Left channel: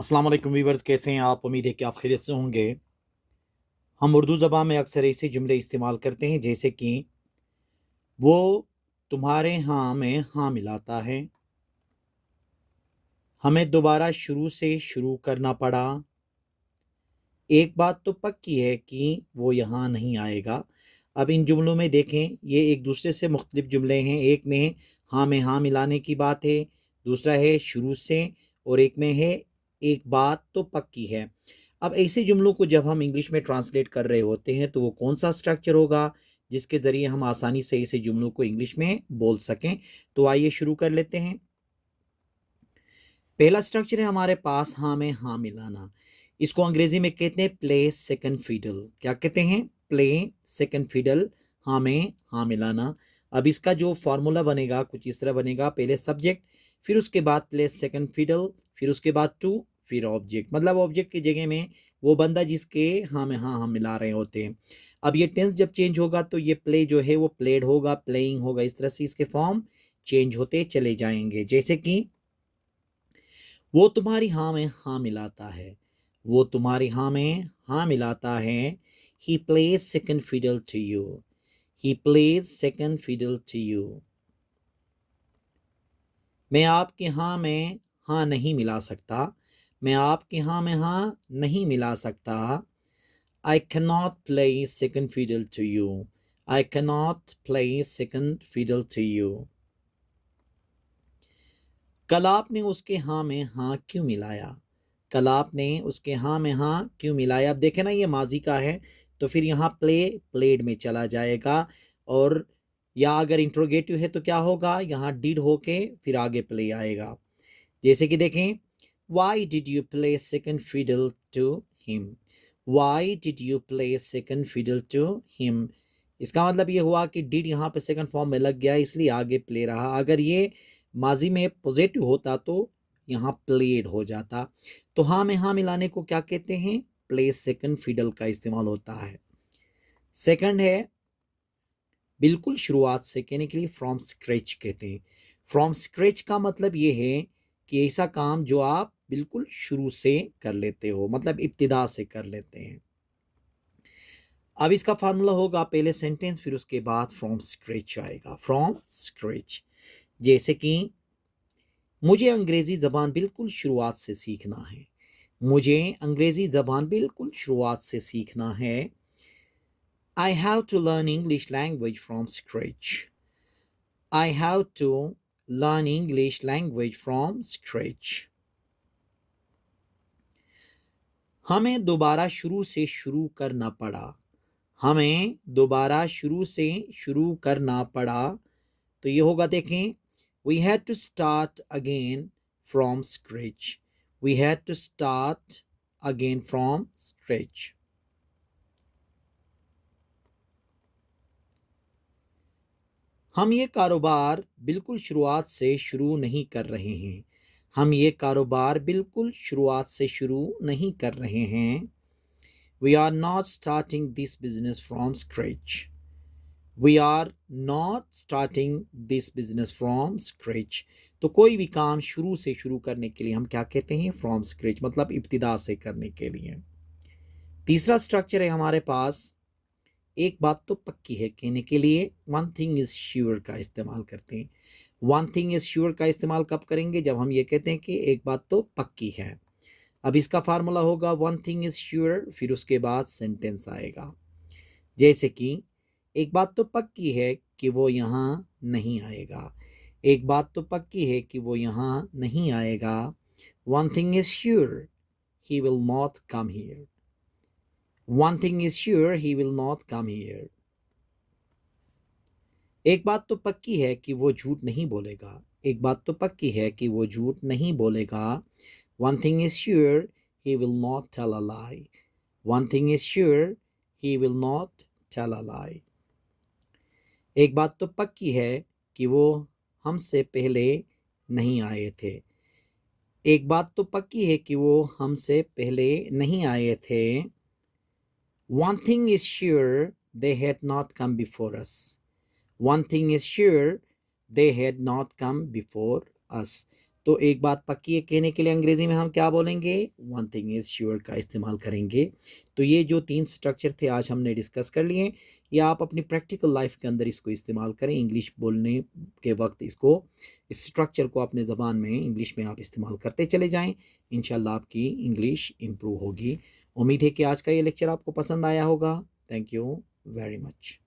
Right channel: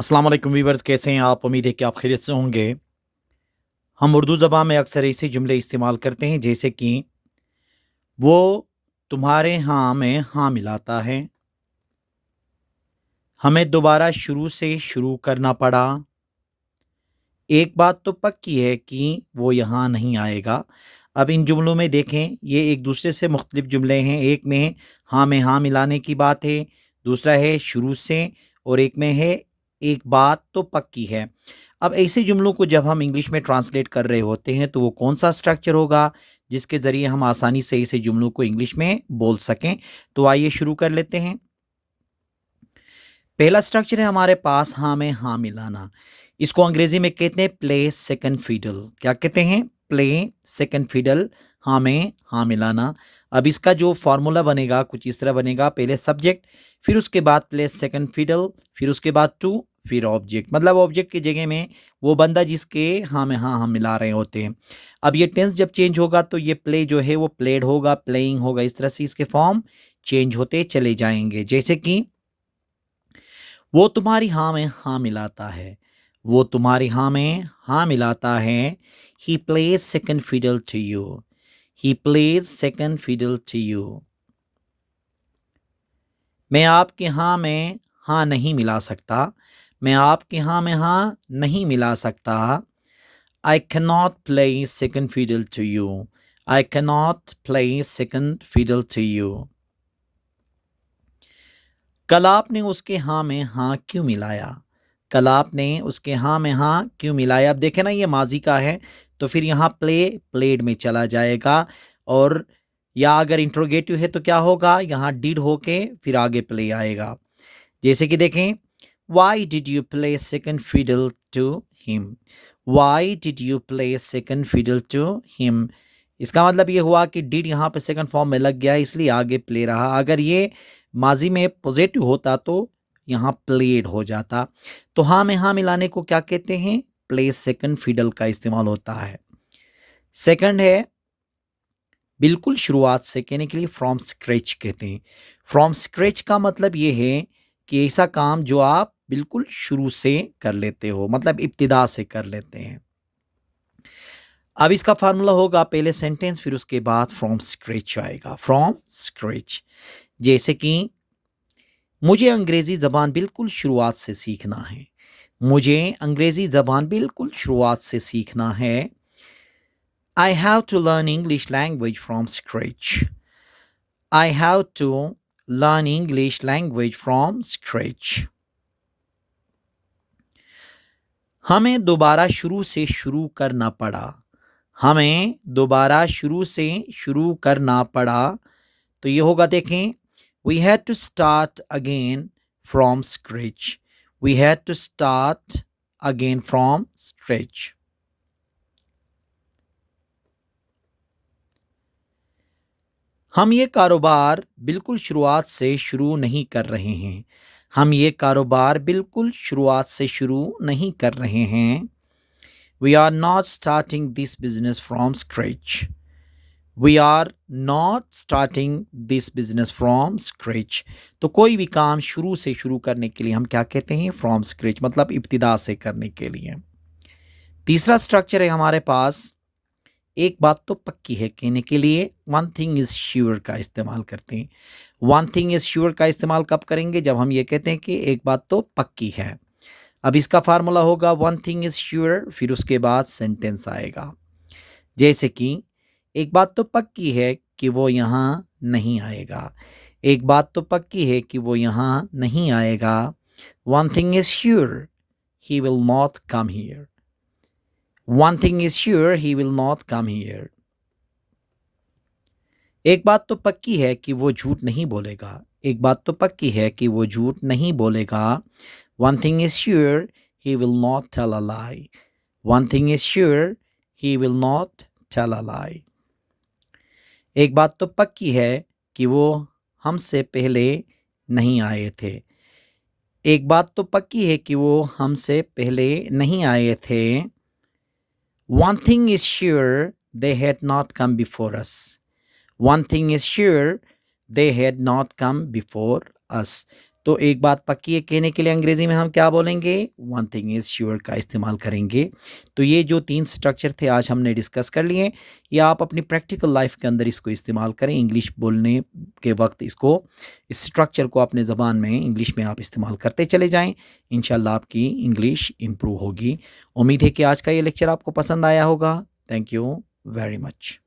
अस्सलाम वालेकुम वीवर्स, कैसे हैं आप? उम्मीद है कि आप खैरियत से होंगे। हम उर्दू ज़बान में अक्सर ऐसे जुमले इस्तेमाल करते हैं जैसे कि वो तुम्हारे हाँ में हाँ मिलाता है, हमें दोबारा शुरू से शुरू करना पड़ा, एक बात तो पक्की है कि वो यहाँ नहीं आएगा। अब इन जुमलों में देखें, ये एक दूसरे से मुख्तलिफ जुमले हैं। एक में हाँ मिलाने की बात है, दूसरा है शुरू से, और एक में है एक बात तो पक्की है। अब ऐसे जुमलों को जब हम इंग्लिश में ट्रांसलेट कर रहे होते हैं तो वो कौन सा स्ट्रक्चर होगा जिसके ज़रिए हम आसानी से ऐसे जुमलों को इंग्लिश में बोल सकें? तो आइए शुरू कर लेते हैं। पहला स्ट्रक्चर है हमारे पास हाँ में हाँ मिलाना। इसको अंग्रेजी में कहते हैं प्ले सेकंड फिडल। क्या कहते हैं? प्ले सेकंड फिडल, हाँ में हाँ मिलाना। अब इसका जो फॉर्मूला बनेगा कुछ इस तरह बनेगा, पहले सब्जेक्ट, फिर उसके बाद प्ले सेकंड फिडल, फिर उसके बाद टू, फिर ऑब्जेक्ट। मतलब ऑब्जेक्ट की जगह में वो बंदा जिसके हाँ में हाँ हम मिला रहे होते हैं। अब ये टेंस जब चेंज होगा तो ये प्ले जो है वो प्लेड होगा, प्लेइंग होगा। इस तरह से इसके फॉर्म चेंज होते चले जाएंगे। जैसे कि वो तुम्हारी हाँ में हाँ मिलाता है, वो तुम्हारी हाँ में हाँ मिलाता है। He plays second fiddle to you, he plays second fiddle to you. मैं आपके हाँ में हाँ नहीं मिला सकता, मैं आपके हाँ में हाँ नहीं मिला सकता। I can not play second fiddle to you, I can not play second fiddle to you. कल आपने उसके हाँ में हाँ क्यों मिलाया, कल आपने उसके हाँ में हाँ क्यों मिलाया। अब देखें ना, ये माजी का है तो फिर यहाँ प्लेड में चला जाएगा। और या अगर इंट्रोगेटिव है तो क्या होगा, यहाँ डिड होके फिर आगे प्ले आएगा। जैसे कि देखें, why did you play second fiddle to him, why did you play second fiddle to him. इसका मतलब ये हुआ कि डिड यहाँ पे सेकंड फॉर्म में लग गया इसलिए आगे प्ले रहा। अगर ये माजी में पॉजिटिव होता तो यहाँ प्लेड हो जाता। तो हाँ में हाँ मिलाने को क्या कहते हैं? प्ले सेकंड फिडल का इस्तेमाल होता है। सेकंड है बिल्कुल शुरुआत से कहने के लिए फ्रॉम स्क्रैच कहते हैं। फ्रॉम स्क्रैच का मतलब ये है कि ऐसा काम जो आप बिल्कुल शुरू से कर लेते हो, मतलब इब्तिदा से कर लेते हैं। अब इसका फार्मूला होगा पहले सेंटेंस फिर उसके बाद फ्रॉम स्क्रैच आएगा, फ्रॉम स्क्रैच। जैसे कि मुझे अंग्रेज़ी ज़बान बिल्कुल शुरुआत से सीखना है, मुझे अंग्रेज़ी ज़बान बिल्कुल शुरुआत से सीखना है। I have to learn English language from scratch, I have to learn English language from scratch. हमें दोबारा शुरू से शुरू करना पड़ा, हमें दोबारा शुरू से शुरू करना पड़ा। तो ये होगा, देखें, we had to start again from scratch, we had to start again from scratch. हम ये कारोबार बिल्कुल शुरुआत से शुरू नहीं कर रहे हैं, हम ये कारोबार बिल्कुल शुरुआत से शुरू नहीं कर रहे हैं। We are not starting this business from scratch, we are not starting this business from scratch. तो कोई भी काम शुरू से शुरू करने के लिए हम क्या कहते हैं? फ्रॉम स्क्रैच, मतलब इब्तिदा से करने के लिए। तीसरा स्ट्रक्चर है हमारे पास एक बात तो पक्की है कहने के लिए वन थिंग इज श्योर का इस्तेमाल करते हैं। वन थिंग इज श्योर का इस्तेमाल कब करेंगे? जब हम ये कहते हैं कि एक बात तो पक्की है। अब इसका फार्मूला होगा वन थिंग इज श्योर, फिर उसके बाद सेंटेंस आएगा। जैसे कि एक बात तो पक्की है कि वो यहाँ नहीं आएगा, एक बात तो पक्की है कि वो यहाँ नहीं आएगा। One thing is sure, he will not come here, one thing is sure, he will not come here. एक बात तो पक्की है कि वो झूठ नहीं बोलेगा, एक बात तो पक्की है कि वो झूठ नहीं बोलेगा। One thing is sure, he will not tell a lie, one thing is sure, he will not tell a lie. एक बात तो पक्की है कि वो हमसे पहले नहीं आए थे, एक बात तो पक्की है कि वो हमसे पहले नहीं आए थे। One thing is sure, they had not come before us, one thing is sure, they had not come before us. तो एक बात पक्की है कहने के लिए अंग्रेज़ी में हम क्या बोलेंगे? वन थिंग इज़ श्योर का इस्तेमाल करेंगे। तो ये जो 3 स्ट्रक्चर थे आज हमने डिस्कस कर लिए, ये आप अपनी प्रैक्टिकल लाइफ़ के अंदर इसको इस्तेमाल करें। इंग्लिश बोलने के वक़्त इसको इस स्ट्रक्चर को अपने ज़बान में इंग्लिश में आप इस्तेमाल करते चले जाएँ। इंशाल्लाह आपकी इंग्लिश इम्प्रूव होगी। उम्मीद है कि आज का ये लेक्चर आपको पसंद आया होगा। Thank you very much.